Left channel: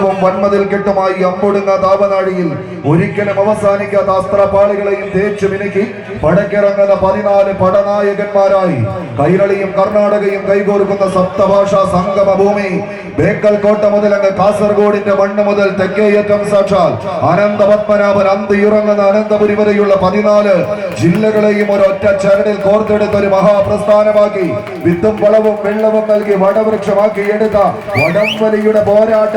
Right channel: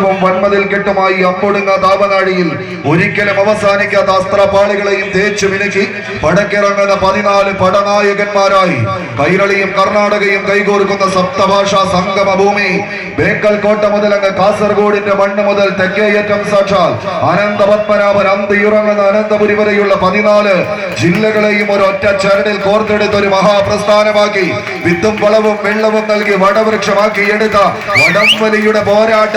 ആയുധവും വന്മതിൽ കെട്ടുമായി അമ്പൊടുങ്ങ താപനാഴിയിൽ ഒരിക്കലും അവസാനിക്കാത്ത അസ്ത്രപാളികളെയും തേച്ചു മിനുക്കി പടക്കിറങ്ങുന്ന പതിനാല് പടനായകന്മാരായി കൈരളിയും കർണാടകയും കൈകോർക്കുന്ന സപ്തഭാഷാ സംഗമ ഭൂമി ബേക്കൽ കോട്ട മുതൽ അങ്ങ് കാസർഗോഡിന്റെ മണ്ണ് മുതൽ തെക്കേയറ്റം സാക്ഷാൽ അനന്തപത്മനാഭൻ അന്തിയുറങ്ങുന്ന അനന്തപുരി വരെയുള്ള പതിനാല് ജില്ലകളെയും ഒരു ഒറ്റ ചരടിൽ കോർത്തെടുത്ത ഒരു മഹാപ്രസ്ഥാനമാക്കി വിത്തും വളവും വെള്ളവും നൽകി വടവൃക്ഷമാക്കി എടുത്ത വടംവലിയുടെ പോരാട്ട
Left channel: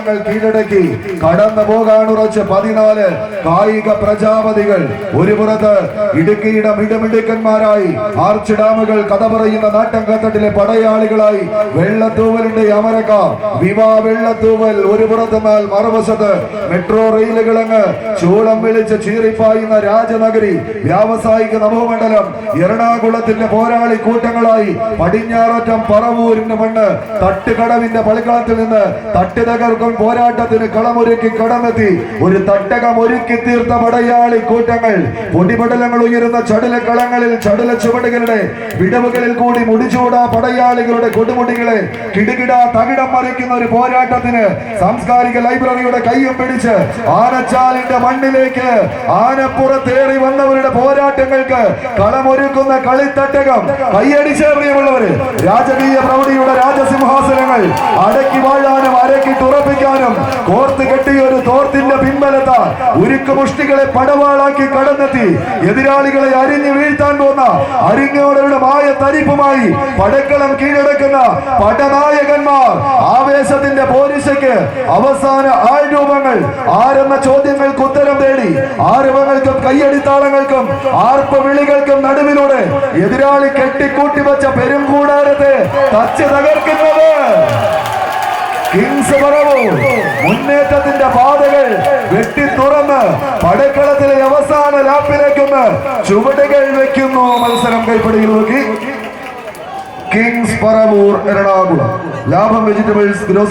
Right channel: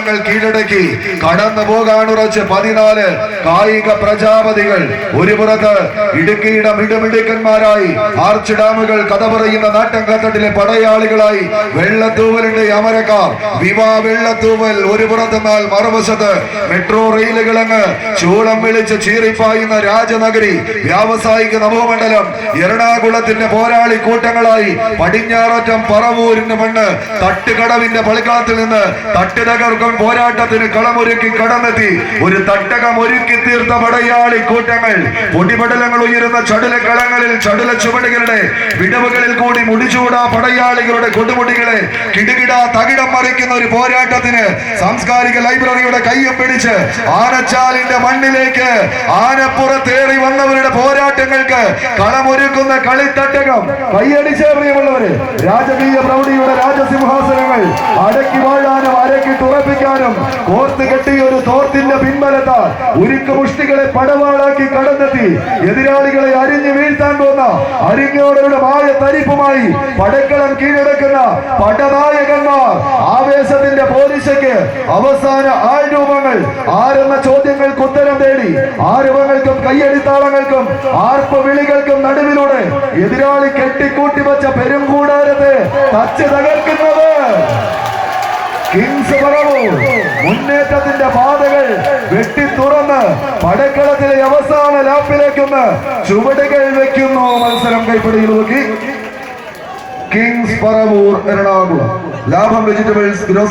പോർക്കളങ്ങൾ കീഴടക്കി. കടന്നു പോകാനുറച്ച് പതിനാല് കായിക പ്രജാപതികൾ. ഒരു പുറത്ത് ഇടുക്കിയുടെ മിടുമിടുക്കന്മാരായി ആർച്ച് ഡാമുകൾ കഥ പറയുന്ന നാട്ടങ്കത്തട്ടിലെ പടയാളികളായി. വെള്ളത്തൂവലിന്റെ അമരക്കാർ വിവാ വെള്ളത്തൂവൽ ഒരു പുറത്തെന്നാൽ മറുവശത്ത് മെട്രോ റെയിലുകൾ അങ്ങ് ചൂളം വിളിച്ച് ചീറിപ്പായുന്ന രാജനഗരി വ്യാവസായിക നവമണ്ഡലം എറണാകുളത്തിന്റെ പോരാളി കൂട്ടങ്ങളായി പടിഞ്ഞാററ്റം പറവൂരിന്റെ മണ്ണ് തട്ടുകടവിന്റെ പളിക്കളത്തിൽ നിന്ന് തട്ട് തകർക്കും പോരാട്ടത്തിന് കളമൊരുക്കി കടന്നെത്തി. ഒരു തട്ടകം ഒരുക്കി തീർത്ത പടയാളി കൂട്ടങ്ങൾ പൊടിപടലങ്ങൾ ഉയരുന്ന ചടുല കളങ്ങളിൽ ചടുല ചുവടുകളുടെ വിടവുകളിൽ കൂടി മുടിച്ചൂടാ പടയാളികളുടെ കൊടുമുടികളെ കിടുകിട തകിടം മറിക്കുന്ന ഒരു പോരാട്ടത്തിന് സാംസ്കാരിക ലൈബ്രറിയുടെ കയ്യും പിടിച്ച് ആനച്ചാലിന്റെ മണ്ണിലേക്ക് ആനപ്പുറത്തേറി വന്നവരുടെ പോരാട്ടങ്ങൾക്ക് കളമൊരുക്കുന്ന കളിത്തട്ടകം. കൈയടിച്ച പ്രിയമുള്ളവര് രാജകീയ പ്രൗഢിയുടെ രാജസിംഹാസനങ്ങൾ പിൻബലത്താൽ ഉരുക്ക് മുഷ്ടികളെ പടവാളാക്കി കടന്നെത്തി. എതിരാളികളെ അരിഞ്ഞു വീഴ്ത്താൻ പോന്ന അരിഞ്ഞോടരുടെ മായ തരിപ്പുമായി പടക്കളം കീഴടക്കുന്ന പടനായകന്മാർ. ആവേശത്തിന്റെ പോലീസയ്ക്ക് അവസാന ആരോപങ്ങൾ ആരെന്ന ചോദ്യങ്ങൾക്ക് ഉത്തരം തേടി. ആരവങ്ങൾക്കും കയ്യടിത്താളങ്ങൾക്കും ആർപ്പ വിളികൾക്കും നടുവിലൂടെ എതിരാളി കെട്ടിക്കൂട്ടി വെച്ച പെരുംകൂടാരത്തെ തച്ച് തകർക്കുന്നത്. കിങ്സ് മുന്നേറ്റത്തിന്റെ പടക്കളത്തിലെ അവസാന ലാപ്പിലേക്കൊന്ന് ചുവടുകൾ വെക്കുന്നു മത്സരം കൈപ്പിടിയിൽ നോക്കി കിങ്സ് പറവൂർ എറണാകുളം. ലാഭം വെജിറ്റബിൾസ് ഗ്രോസറി